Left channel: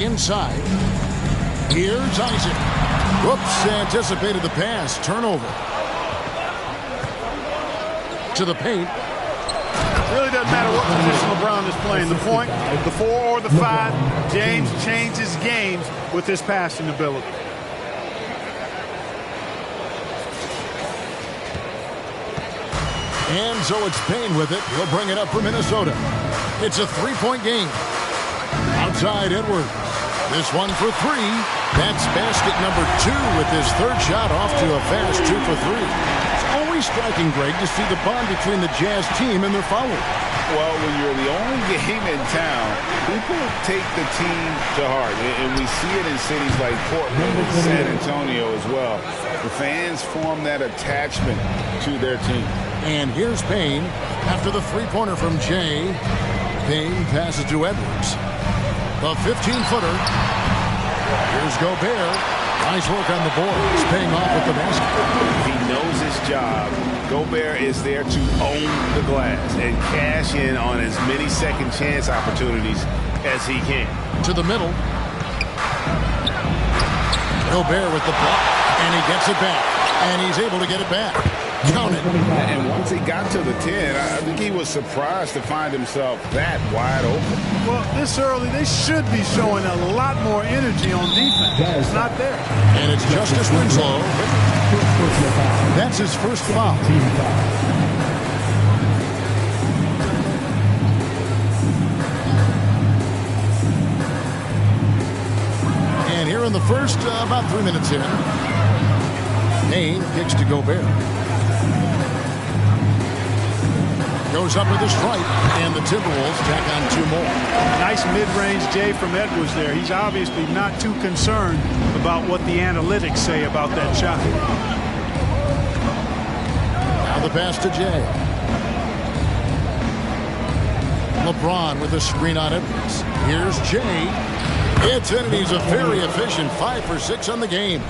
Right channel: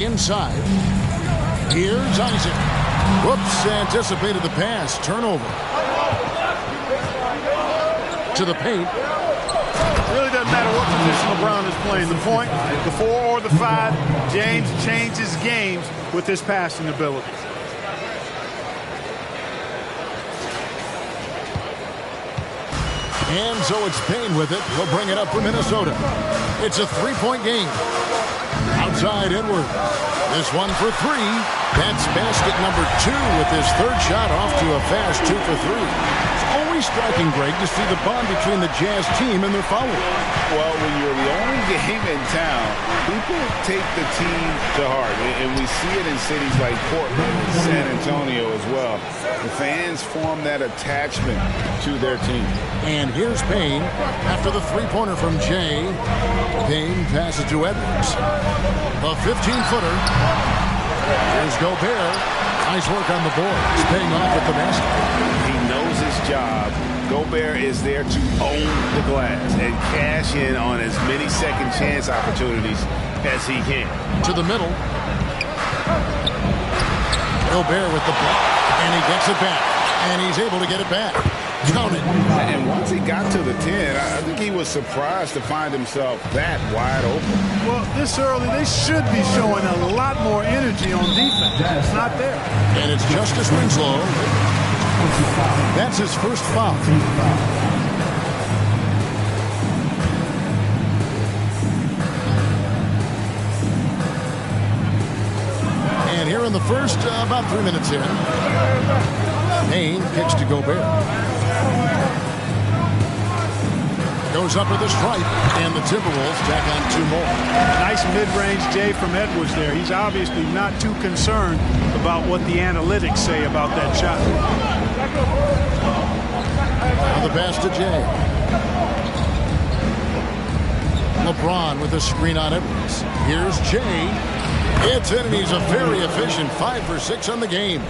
Inside. Here's Isaac. Whoops, anticipated the pass. Turnover. To the paint. It really doesn't matter what position LeBron is playing. The point, the 4 or the 5, James changes games with his passing ability. And so it's Payne with it. He'll bring it up for Minnesota. It's a 3-point game. Outside Edwards. This one for 3. That's basket number 2 with his third shot off to a fast 2 for 3. It's always striking, Greg, to see the bond between the Jazz team and their followers. Well, when you're the only game in town, people take the team to heart. And we see it in cities like Portland and San Antonio as well. The fans form that attachment to their team. And here's Payne after the three-pointer from Jay. Payne passes to Edwards. The 15-footer. Here's Gobert. Nice work on the board. He's paying off with the basket. He knows his job. Gobert is there to own the glass and cash in on as many second chance opportunities as he can. To the middle. Gobert with the block. And he gets it back. And he's able to get it back. Count it. And once he got to the 10, I think he was surprised to find himself that wide open. Well, this early, they should be showing a lot more energy on defense. It's not there. And it's Justice Winslow. That's his first foul. And here in the first, about 3 minutes in, Payne kicks to Gobert. Goes up with a stripe, and the Timberwolves tack on 2 more. Nice mid-range Jay from Edwards there. He's obviously not too concerned about what the analytics say about that shot. Now the pass to Jay. LeBron with a screen on Edwards. Here's Jay. It's in, and he's a very efficient 5 for 6 on the game.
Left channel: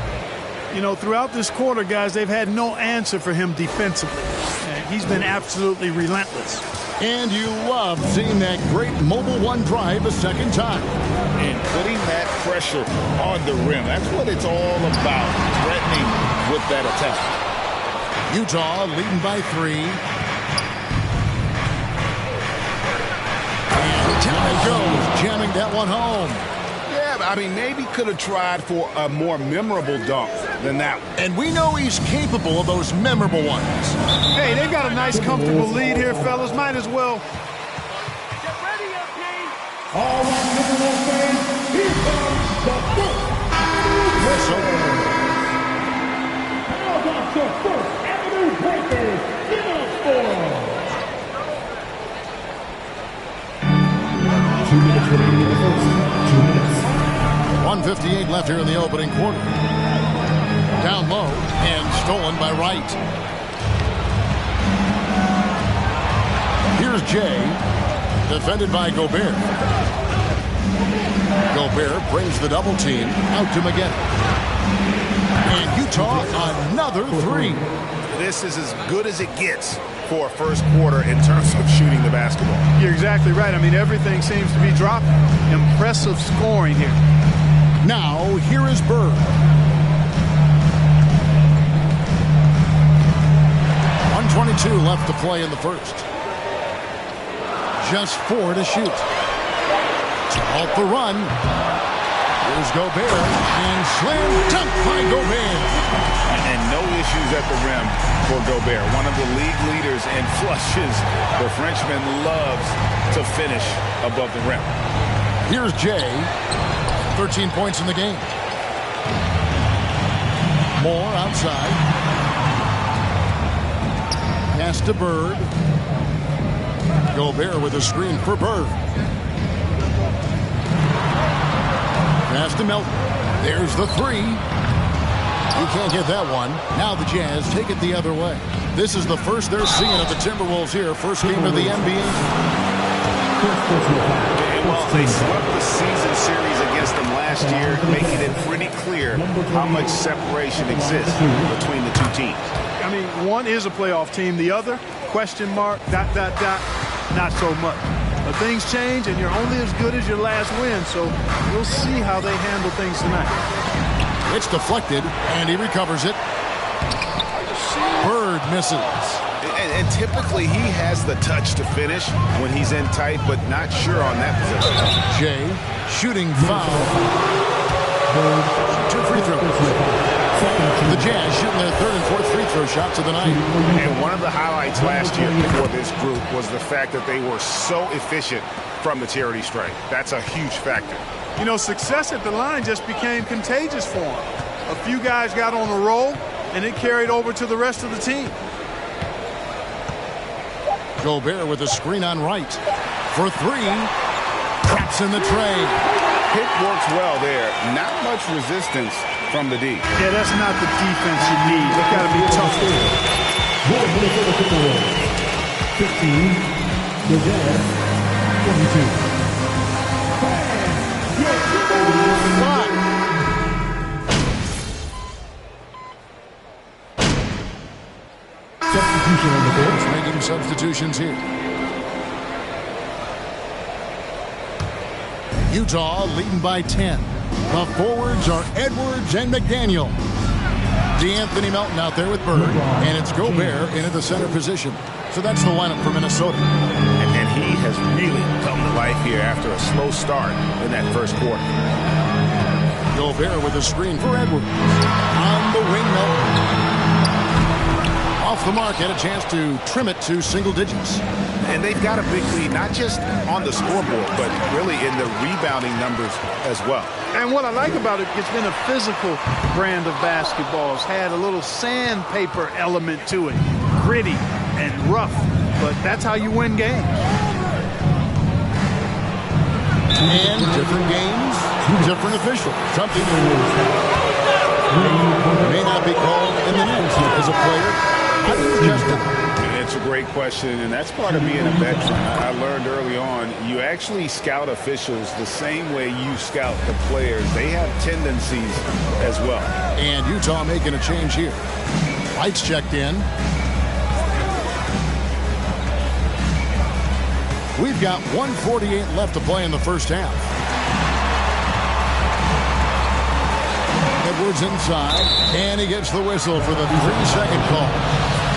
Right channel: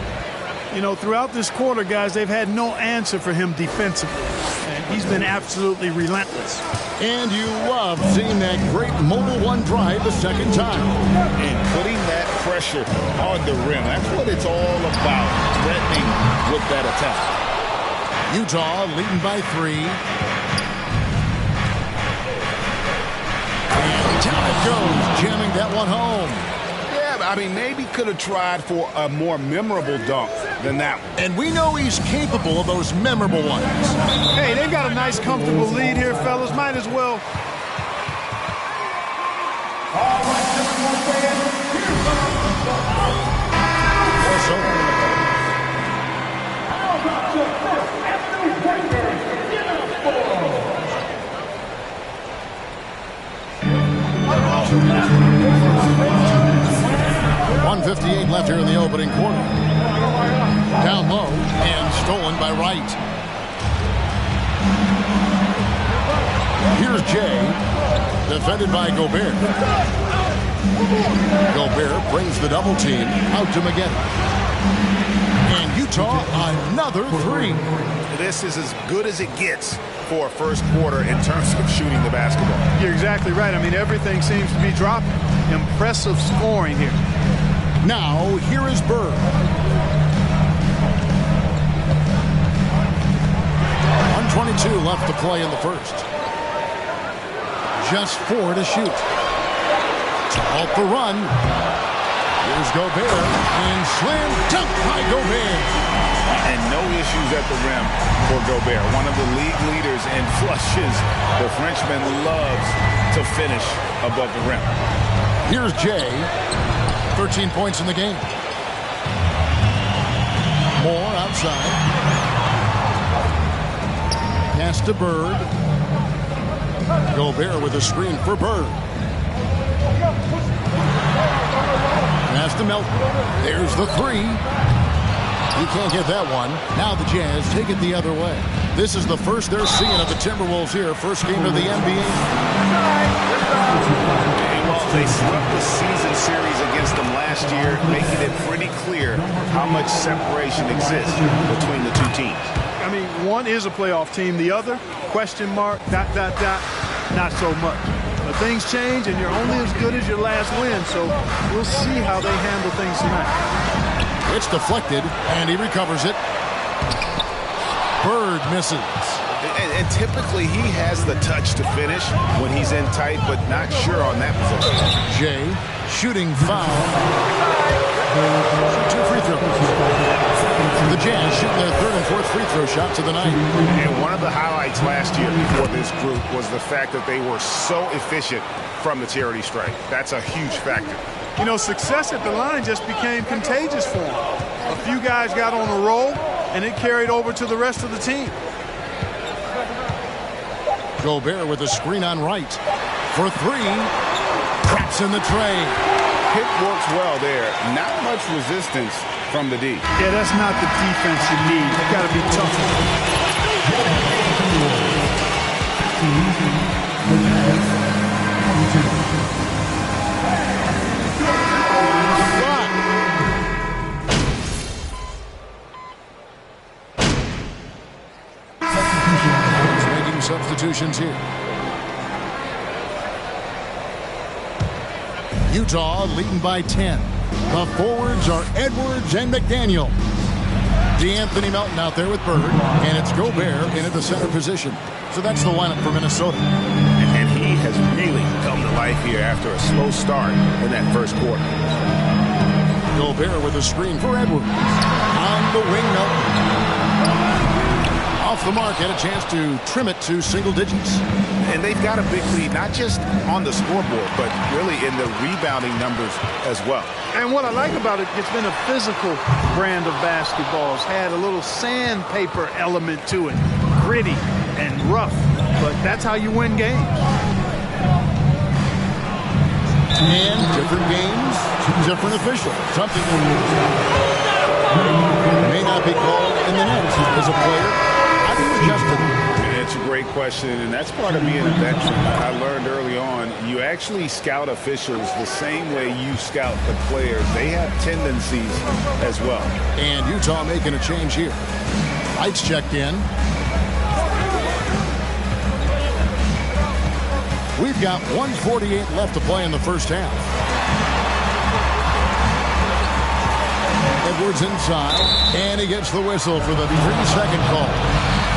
You know, throughout this quarter, guys, they've had no answer for him defensively. And he's been absolutely relentless. And you love seeing that great mobile one drive a second time. And putting that pressure on the rim. That's what it's all about, threatening with that attack. Utah leading by 3. And down it goes, jamming that one home. Yeah, I mean, maybe could have tried for a more memorable dunk than that one. And we know he's capable of those memorable ones. Hey, they've got a nice, comfortable lead here, fellas. Might as well. All right, number 1 fan, here comes the Also, How about your First Avenue Breakers uniform? 2 minutes remaining. 1:58 left here in the opening quarter. Down low and stolen by Wright. Here's Jay, defended by Gobert. Gobert brings the double team out to Magetta. And Utah another 3. This is as good as it gets for a first quarter in terms of shooting the basketball. You're exactly right. I mean, everything seems to be dropping. Impressive scoring here. Now, here is Bird. 1:22 left to play in the first. Just 4 to shoot. To halt the run. Here's Gobert. And slam dunk by Gobert. And no issues at the rim for Gobert. One of the league leaders in flushes. The Frenchman loves to finish above the rim. Here's Jay. 13 points in the game. Moore outside. Pass to Bird. Gobert with a screen for Bird. Pass to Melton. There's the 3. He can't get that one. Now the Jazz take it the other way. This is the first they're seeing of the Timberwolves here. First game of the NBA. Well, they swept the season series against them last year, making it pretty clear how much separation exists between the 2 teams. I mean, one is a playoff team. The other, question mark, ... not so much. Things change, and you're only as good as your last win, so we'll see how they handle things tonight. It's deflected, and he recovers it. Bird misses. And typically he has the touch to finish when he's in tight, but not sure on that possession. Jay, shooting foul. 2 free throws. The Jazz shooting their 3rd and 4th free throw shots of the night. And one of the highlights last year for this group was the fact that they were so efficient from the charity stripe. That's a huge factor. You know, success at the line just became contagious for them. A few guys got on a roll, and it carried over to the rest of the team. Gobert with a screen on right. For 3. Traps in the tray. Pick works well there. Not much resistance from the D. Yeah, that's not the defense you need. You've got to be tough. 15, the Jazz, 22. Substitution on the court. Making substitutions here. Utah leading by 10. The forwards are Edwards and McDaniel. DeAnthony Melton out there with Bird, and it's Gobert in at the center position. So that's the lineup for Minnesota. And he has really come to life here after a slow start in that first quarter. Gobert with a screen for Edwards. On the wing, Melton. Off the mark, had a chance to trim it to single digits. And they've got a big lead, not just on the scoreboard, but really in the rebounding numbers as well. And what I like about it, it's been a physical brand of basketball. It's had a little sandpaper element to it. Gritty and rough, but that's how you win games. And different games, different officials. Something that may not be called in the net as a player. How do you adjust it? It's a great question, and that's part of being a veteran. I learned early on, you actually scout officials the same way you scout the players. They have tendencies as well. And Utah making a change here. Lights checked in. We've got 1:48 left to play in the first half. Edwards inside, and he gets the whistle for the 3-second call.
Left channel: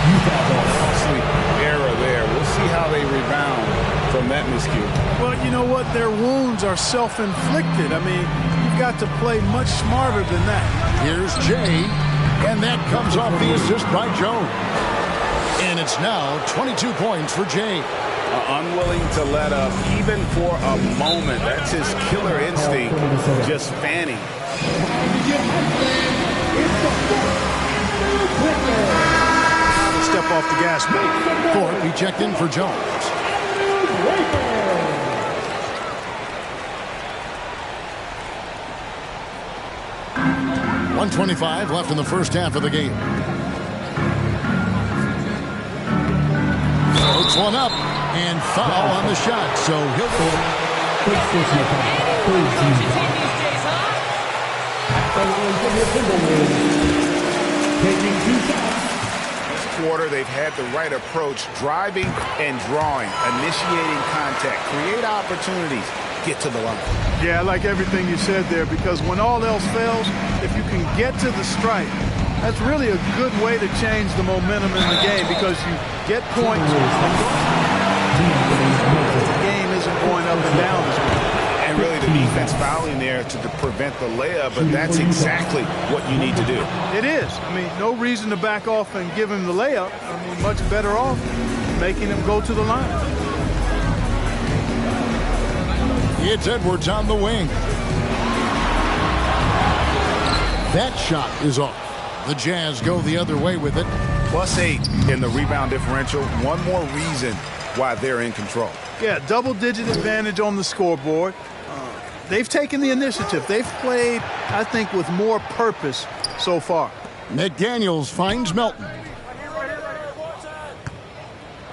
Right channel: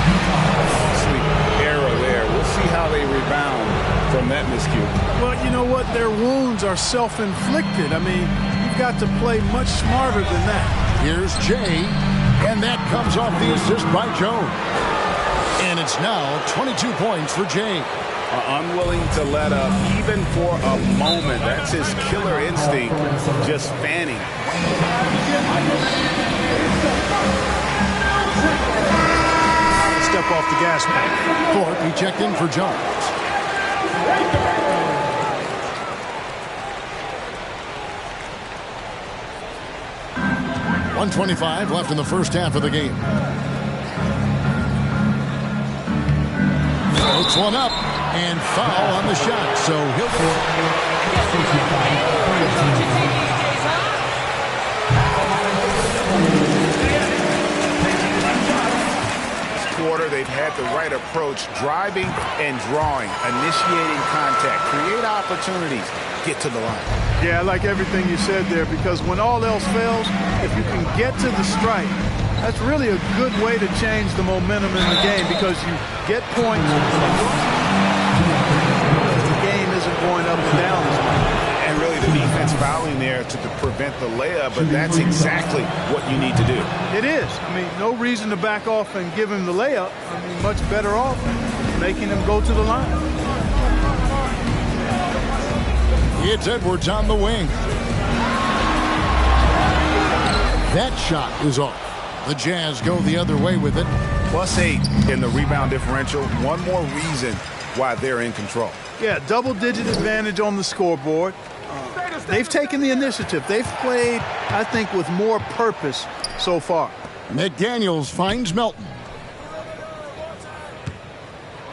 Costly error there. We'll see how they rebound from that miscue. Well, you know what? Their wounds are self-inflicted. I mean, you've got to play much smarter than that. Here's Jay, and that comes off the assist by Jones. And it's now 22 points for Jay. Unwilling to let up even for a moment. That's his killer instinct, just fanning. Step off the gas pedal. Thorpe, he checked in for Jones. .125 left in the first half of the game. Floats one up and foul on the shot, so he'll get it. Guess we're letting anyone coach a team these days, huh? The line for the Timberwolves. Taking 2 shots. Quarter, they've had the right approach, driving and drawing, initiating contact, create opportunities, get to the line. Yeah, I like everything you said there, because when all else fails, if you can get to the stripe, that's really a good way to change the momentum in the game, because you get points because the game isn't going up and down as much. And really the defense fouling there to prevent the layup, but that's exactly what you need to do. It is. I mean, no reason to back off and give him the layup. I mean, much better off making him go to the line. It's Edwards on the wing. That shot is off. The Jazz go the other way with it. +8 in the rebound differential. One more reason why they're in control. Yeah, double-digit advantage on the scoreboard. They've taken the initiative. They've played, I think, with more purpose so far. McDaniels finds Melton.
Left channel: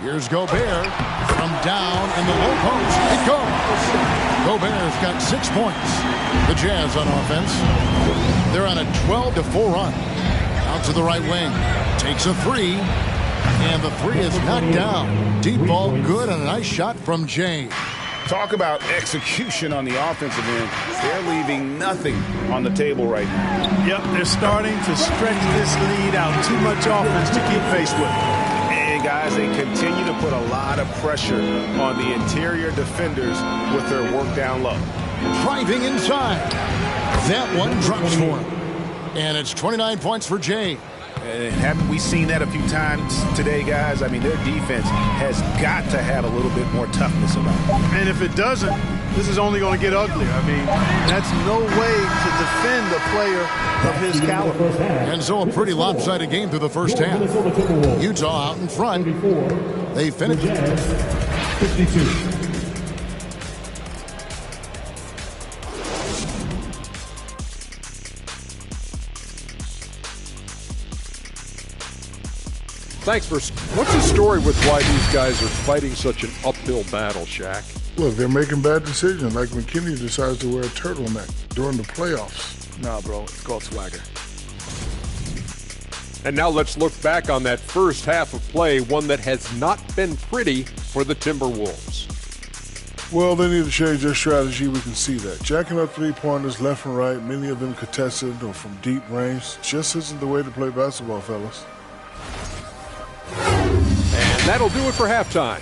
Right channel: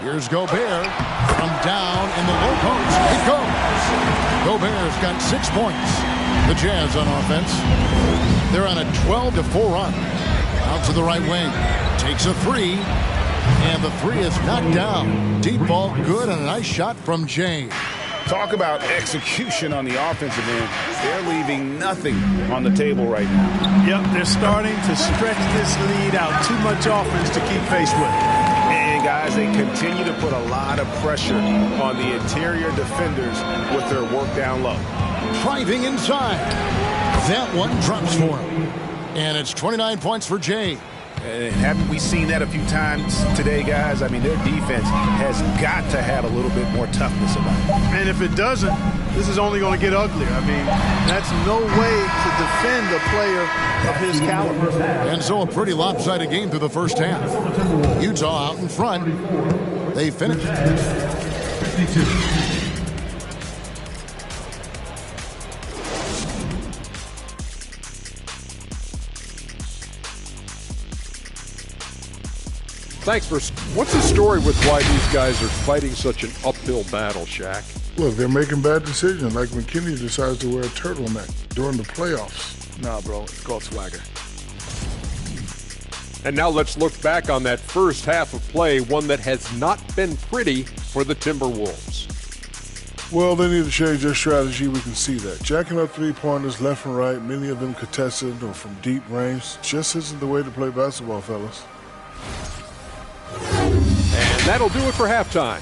Here's Gobert from down in the low post. It goes. Gobert's got 6 points. The Jazz on offense. They're on a 12-4 run. Out to the right wing. Takes a 3. And the 3 is knocked down. Deep ball good and a nice shot from Jay. Talk about execution on the offensive end. They're leaving nothing on the table right now. Yep, they're starting to stretch this lead out. Too much offense to keep pace with. And, guys, they continue to put a lot of pressure on the interior defenders with their work down low. Driving inside. That one drops for him. And it's 29 points for Jay. And haven't we seen that a few times today, guys? I mean, their defense has got to have a little bit more toughness about it. And if it doesn't, this is only going to get uglier. I mean, that's no way to defend a player of his caliber. And so a pretty lopsided game through the first half. Utah out in front. They finished 52. Thanks for. What's the story with why these guys are fighting such an uphill battle, Shaq? Look, they're making bad decisions, like McKinney decides to wear a turtleneck during the playoffs. Nah, bro, it's called swagger. And now let's look back on that first half of play, one that has not been pretty for the Timberwolves. Well, they need to change their strategy. We can see that. Jacking up three-pointers left and right, many of them contested or from deep range, just isn't the way to play basketball, fellas. And that'll do it for halftime.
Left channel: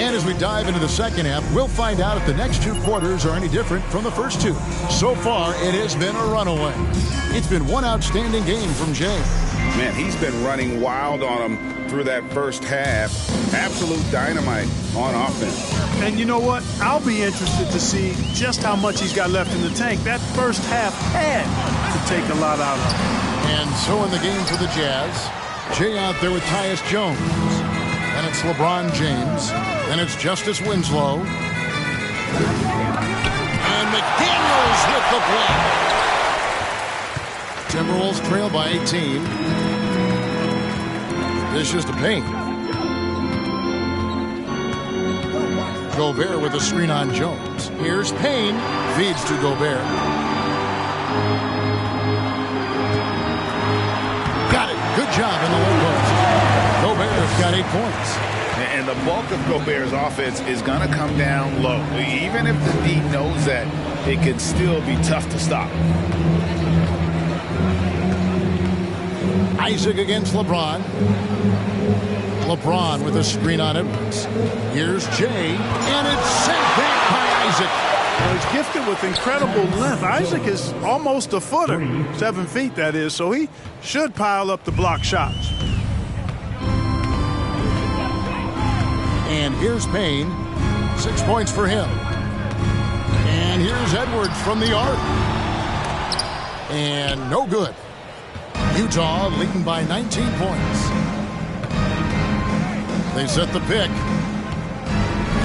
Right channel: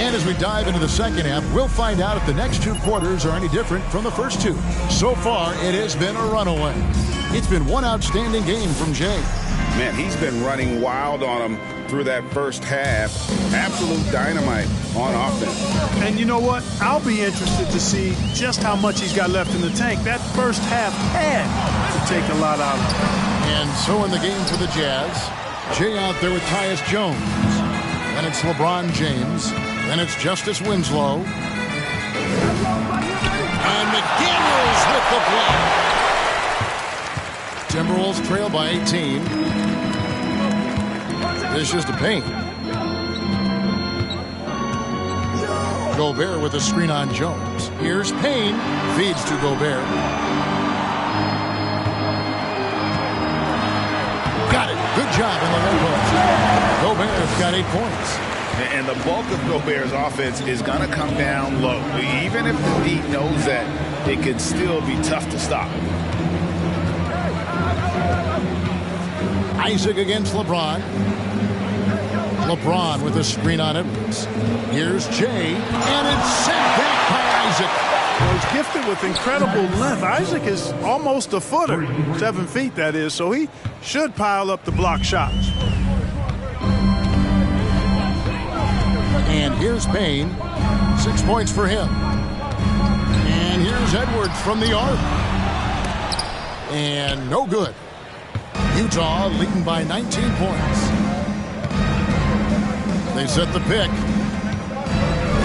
And as we dive into the second half, we'll find out if the next two quarters are any different from the first two. So far, it has been a runaway. It's been one outstanding game from Jay. Man, he's been running wild on them through that first half. Absolute dynamite on offense. And you know what? I'll be interested to see just how much he's got left in the tank. That first half had to take a lot out of him. And so in the game for the Jazz, Jay out there with Tyus Jones. Then it's LeBron James. Then it's Justice Winslow. And McDaniels with the block. Timberwolves trail by 18. This is just a paint. Gobert with a screen on Jones. Here's Payne. Feeds to Gobert. Got it. Good job in the low post. Gobert's got 8 points. And the bulk of Gobert's offense is going to come down low. Even if the D knows that, it can still be tough to stop. Isaac against LeBron. LeBron with a screen on Edwards. Here's Jay, and it's sent back by Isaac. Well, he's gifted with incredible length. Isaac is almost a footer, 7 feet that is, so he should pile up the block shots. And here's Payne, 6 points for him. And here's Edwards from the arc. And no good. Utah leading by 19 points. They set the pick.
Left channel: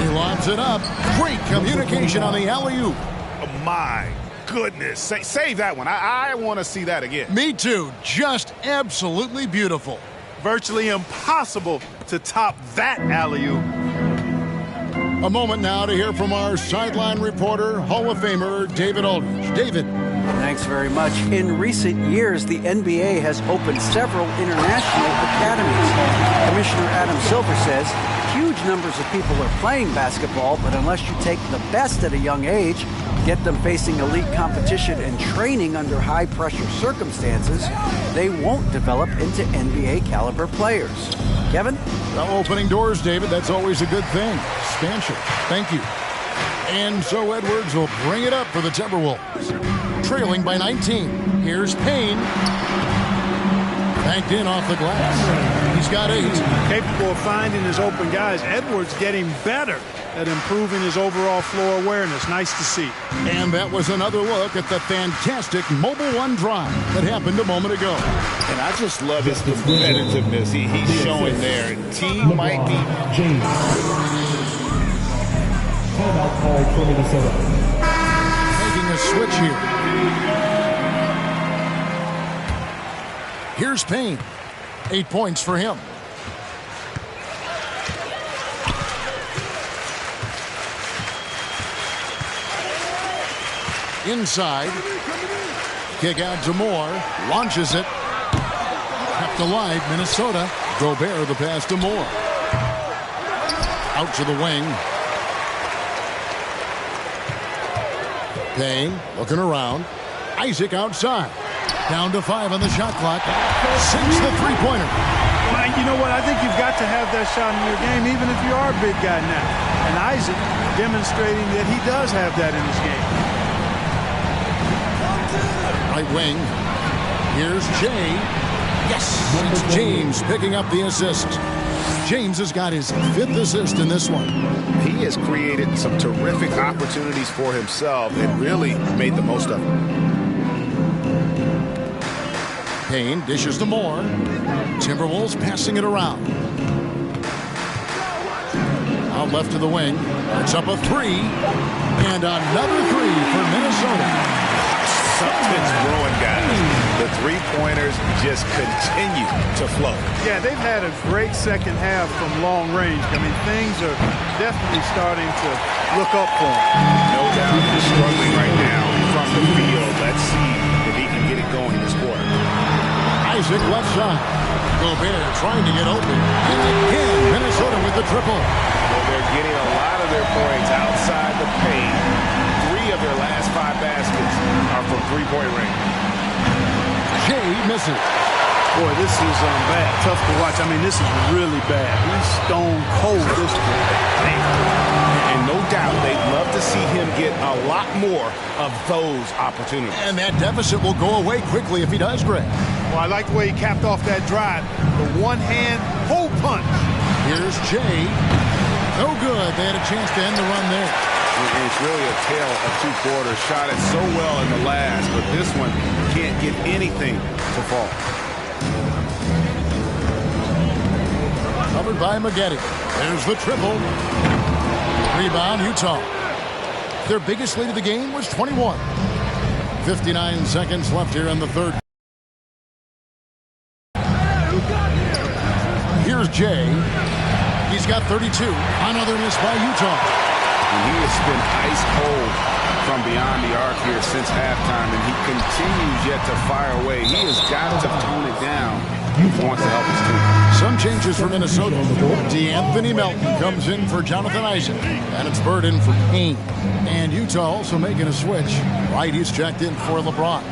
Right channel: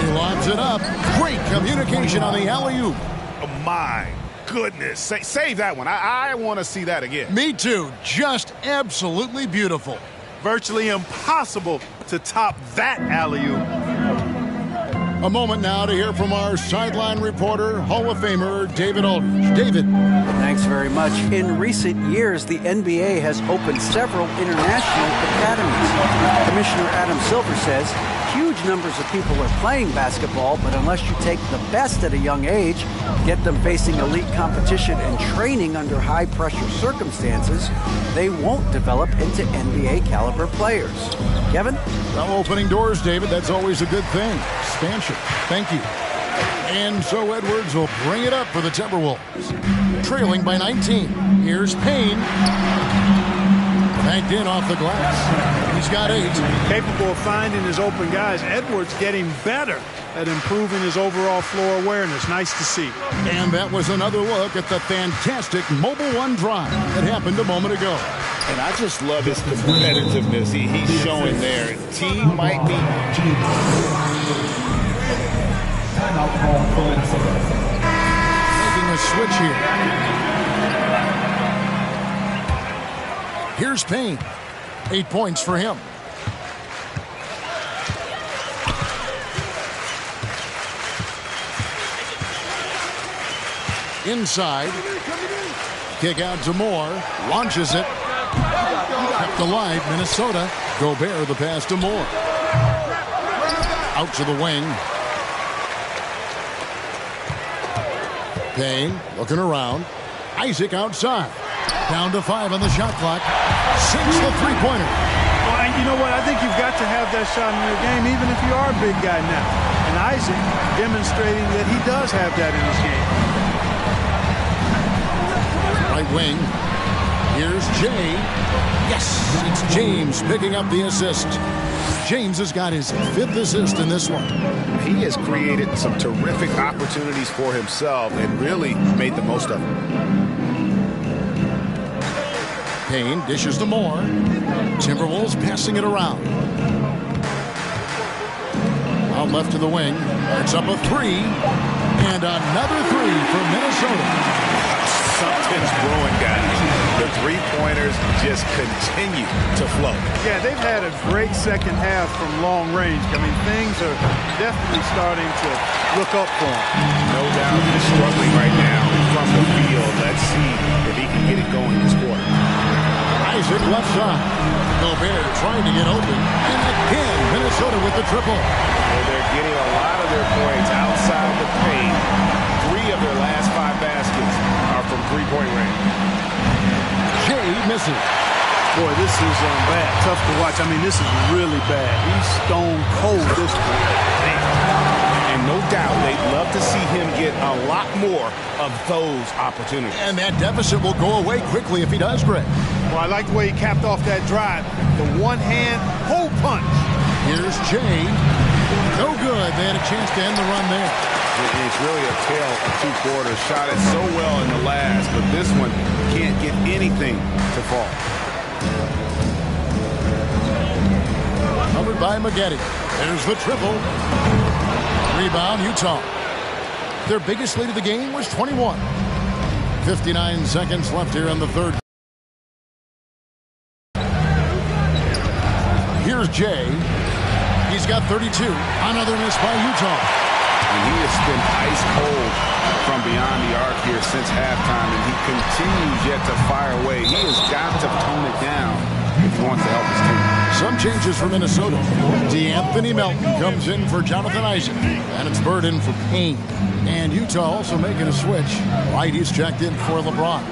He lobs it up. Great communication on the alley-oop. Oh, my goodness. Save that one. I want to see that again. Me too. Just absolutely beautiful. Virtually impossible to top that alley-oop. A moment now to hear from our sideline reporter, Hall of Famer David Aldridge. David. Thanks very much. In recent years, the NBA has opened several international academies. Commissioner Adam Silver says huge numbers of people are playing basketball, but unless you take the best at a young age, get them facing elite competition and training under high-pressure circumstances, they won't develop into NBA-caliber players. Kevin? Well, opening doors, David. That's always a good thing. Expansion. Thank you. And so Edwards will bring it up for the Timberwolves. Trailing by 19. Here's Payne. Banked in off the glass. He's got 8. Capable of finding his open guys. Edwards getting better at improving his overall floor awareness. Nice to see. And that was another look at the fantastic Mobile One drive that happened a moment ago. And I just love his competitiveness he's showing there. Team might be... Timeout called for Minnesota. Making a switch here. Here's Payne. 8 points for him. Inside. Kick out to Moore. Launches it. Kept alive, Minnesota. Gobert the pass to Moore. Out to the wing. Payne looking around. Isaac outside. Down to 5 on the shot clock. Sinks the three-pointer. Well, you know what? I think you've got to have that shot in your game, even if you are a big guy now. And Isaac demonstrating that he does have that in his game. Right wing. Here's Jay. Yes, it's James picking up the assist. James has got his 5th assist in this one. He has created some terrific opportunities for himself and really made the most of them. Payne dishes to Moore. Timberwolves passing it around. Out left to the wing. It's up a 3. And another 3 for Minnesota. Something's brewing, guys. The three-pointers just continue to flow. Yeah, they've had a great second half from long range. I mean, things are definitely starting to look up for him. No doubt he's struggling right now from the field. Let's see if he can get it going this quarter. Isaac left side. Gobert trying to get open. And again, Minnesota with the triple. Well, they're getting a lot of their points outside the paint. 3 of their last 5 baskets are from three-point range. Jay misses. Boy, this is bad. Tough to watch. I mean, this is really bad. He's stone cold this point. Man. And no doubt they'd love to see him get a lot more of those opportunities. And that deficit will go away quickly if he does, Greg. Well, I like the way he capped off that drive. The one-hand hole punch. Here's Jay. No good. They had a chance to end the run there. And it's really a tale of 2 quarters. Shot it so well in the last, but this one can't get anything to fall. Covered by Maggette. There's the triple. Rebound, Utah. Their biggest lead of the game was 21. 59 seconds left here in the third. Here's Jay. He's got 32. Another miss by Utah. And he has been ice cold from beyond the arc here since halftime, and he continues yet to fire away. He has got to tone it down if he wants to help his team. Some changes for Minnesota. D'Anthony Melton comes in for Jonathan Isaac, and it's Bird in for Payne. And Utah also making a switch. Right, he's checked in for LeBron.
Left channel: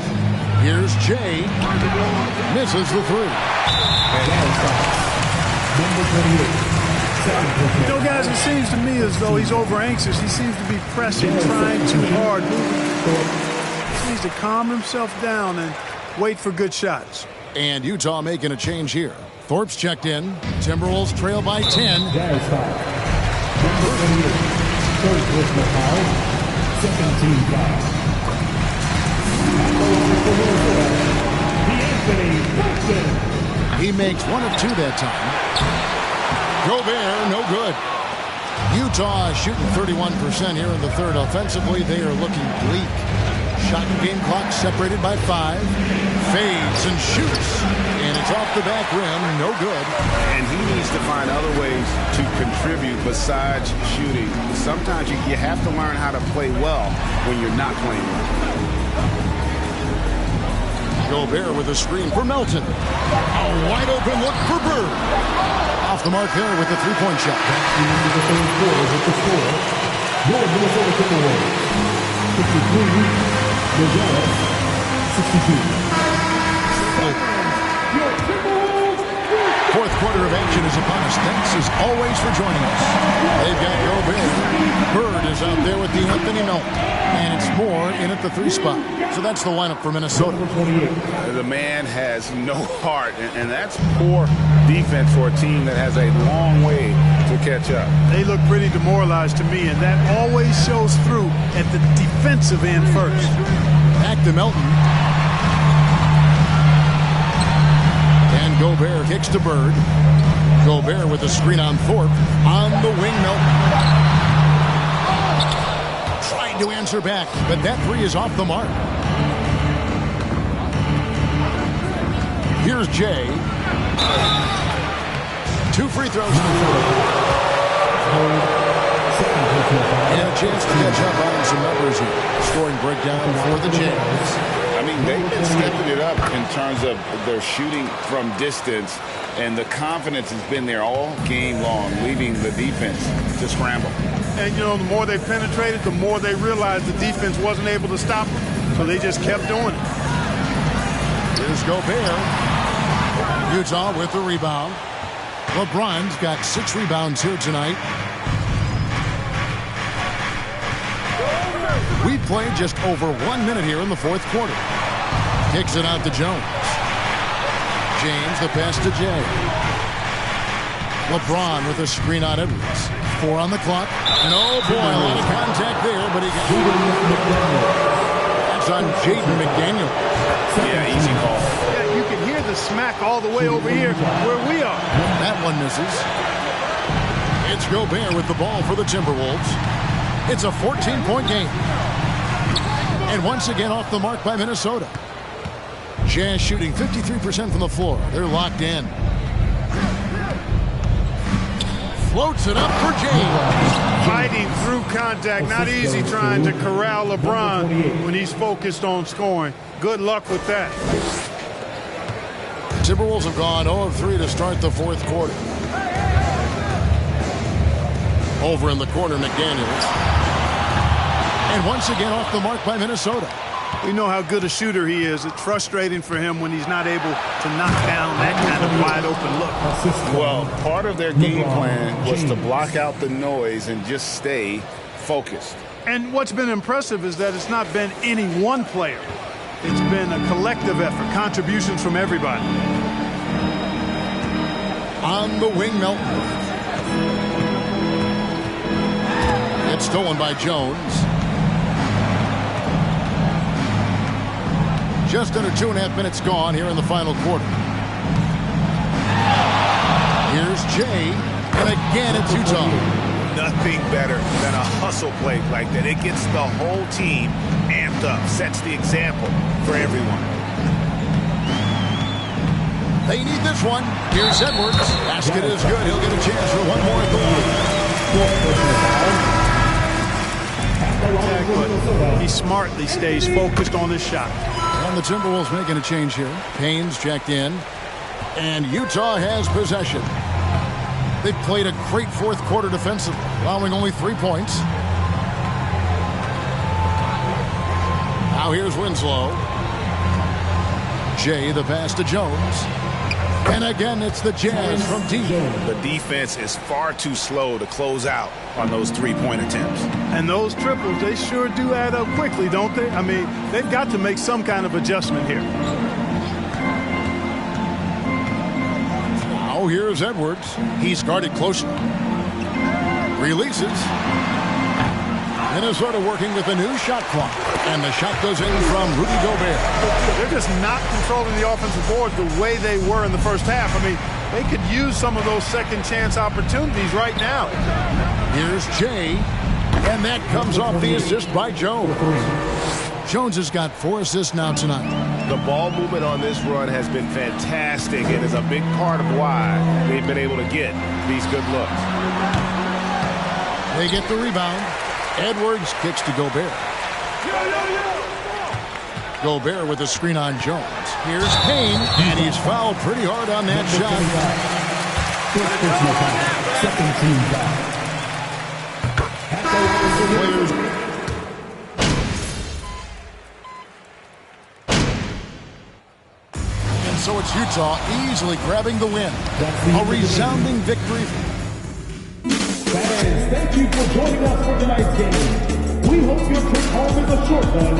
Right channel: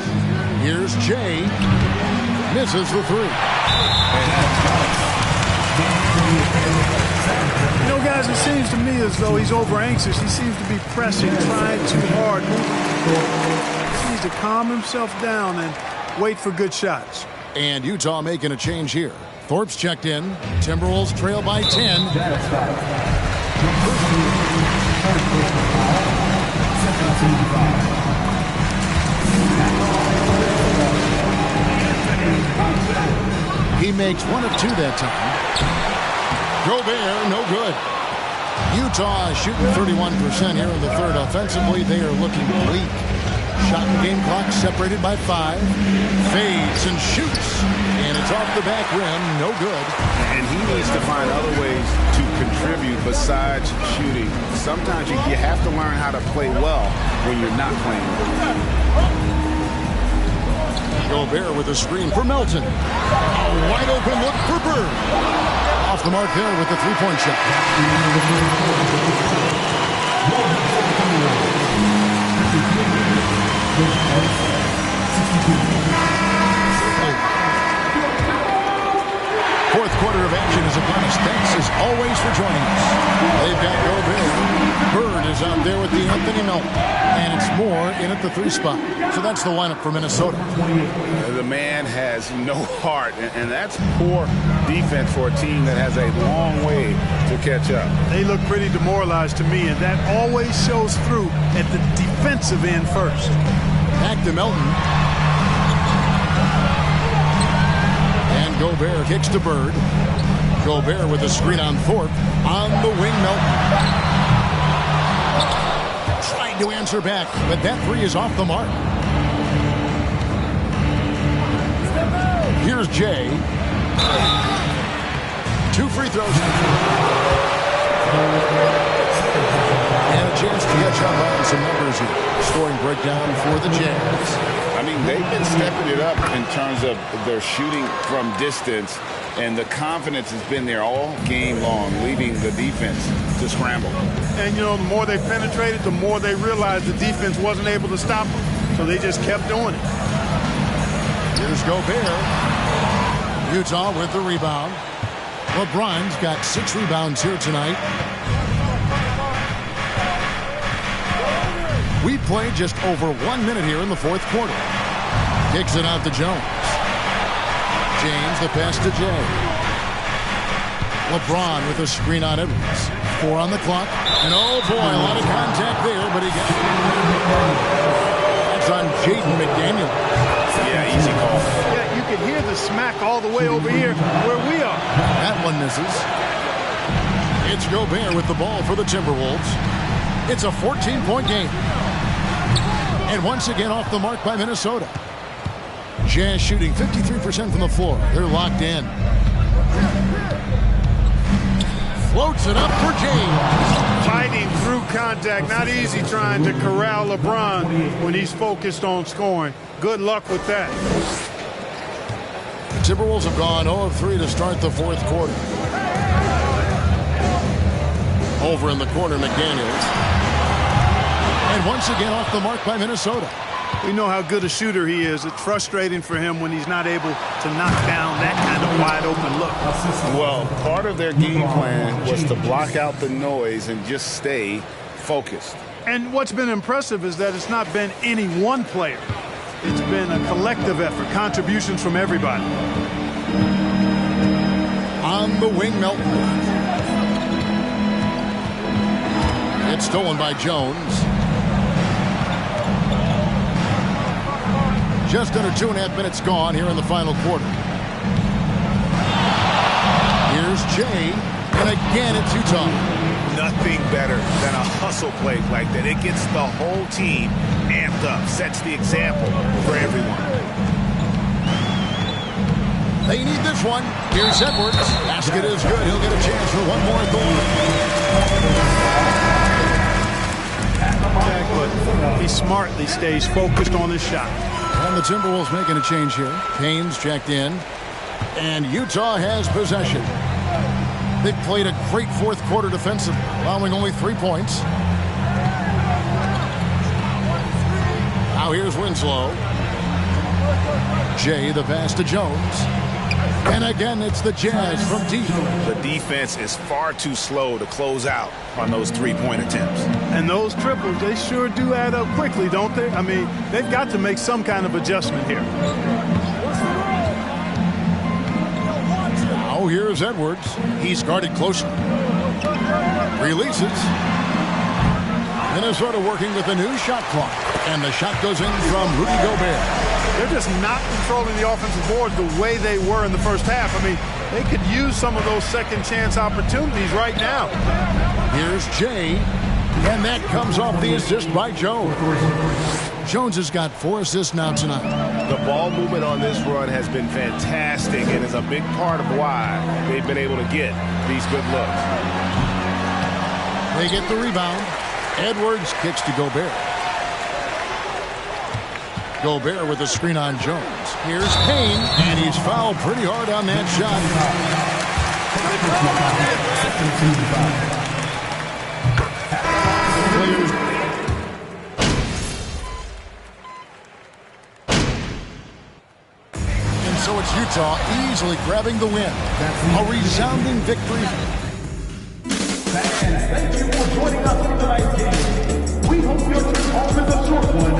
Here's Jay. Misses the 3. You know, guys, it seems to me as though he's over-anxious. He seems to be pressing, trying too hard, moving. He needs to calm himself down and wait for good shots. And Utah making a change here. Thorpe's checked in. Timberwolves trail by 10. He makes 1 of 2 that time. Gobert, no good. Utah is shooting 31% here in the third. Offensively, they are looking bleak. Shot and game clock separated by 5. Fades and shoots. And it's off the back rim. No good. And he needs to find other ways to contribute besides shooting. Sometimes you have to learn how to play well when you're not playing well. Gobert with a screen for Melton. A wide open look for Bird. Off the mark there with the three-point shot. Fourth quarter of action is upon us. Thanks as always for joining us. They've got Gobert. Bird is out there with D'Anthony Melton. And it's Moore in at the 3 spot. So that's the lineup for Minnesota. The man has no heart, and that's poor defense for a team that has a long way to catch up. They look pretty demoralized to me, and that always shows through at the defensive end first. Back to Melton. And Gobert kicks to Bird. Gobert with a screen on Thorpe. On the wing, Melton. Tried to answer back, but that 3 is off the mark. Here's Jay. 2 free throws. And a chance to catch up on some numbers here. Scoring breakdown for the Jazz. I mean, they've been stepping it up in terms of their shooting from distance, and the confidence has been there all game long, leaving the defense to scramble. And, you know, the more they penetrated, the more they realized the defense wasn't able to stop them. So they just kept doing it. Here's Gobert. Utah with the rebound. LeBron's got 6 rebounds here tonight. We played just over 1 minute here in the fourth quarter. Kicks it out to Jones. James, the pass to Jay. LeBron with a screen on Edwards. 4 on the clock. And oh boy, a lot of contact there, but he gets it. That's on Jaden McDaniel. Yeah, easy call. Yeah, you can hear the smack all the way over here where we are. That one misses. It's Gobert with the ball for the Timberwolves. It's a 14-point game. And once again off the mark by Minnesota. Jazz shooting 53% from the floor. They're locked in. Floats it up for James. Fighting through contact. Not easy trying to corral LeBron when he's focused on scoring. Good luck with that. The Timberwolves have gone 0 of 3 to start the fourth quarter. Over in the corner, McDaniels. And once again off the mark by Minnesota. We know how good a shooter he is. It's frustrating for him when he's not able to knock down that kind of wide open look. Well, part of their game plan was to block out the noise and just stay focused. And what's been impressive is that it's not been any one player. It's been a collective effort, contributions from everybody. On the wing, Melton. It's stolen by Jones. Just under 2.5 minutes gone here in the final quarter. Here's Jay, and again it's Utah. Nothing better than a hustle play like that. It gets the whole team amped up, sets the example for everyone. They need this one. Here's Edwards. Basket is good. He'll get a chance for one more at the line. But he smartly stays focused on his shot. And the Timberwolves making a change here. Payne's checked in. And Utah has possession. They've played a great fourth quarter defensively, allowing only 3 points. Now here's Winslow. Jay, the pass to Jones. And again, it's the Jazz from deep. The defense is far too slow to close out on those three-point attempts. And those triples, they sure do add up quickly, don't they? I mean, they've got to make some kind of adjustment here. Now here's Edwards. He's guarded closely. Releases. Minnesota working with a new shot clock. And the shot goes in from Rudy Gobert. They're just not controlling the offensive boards the way they were in the first half. I mean, they could use some of those second chance opportunities right now. Here's Jay. And that comes off the assist by Jones. Jones has got 4 assists now tonight. The ball movement on this run has been fantastic and is a big part of why they've been able to get these good looks. They get the rebound. Edwards kicks to Gobert. Gobert with a screen on Jones. Here's Payne, and he's fouled pretty hard on that shot. Second team foul. The players. And so it's Utah easily grabbing the win. A resounding victory. Fans, thank you for joining us for tonight's game. We hope your trip home is a short one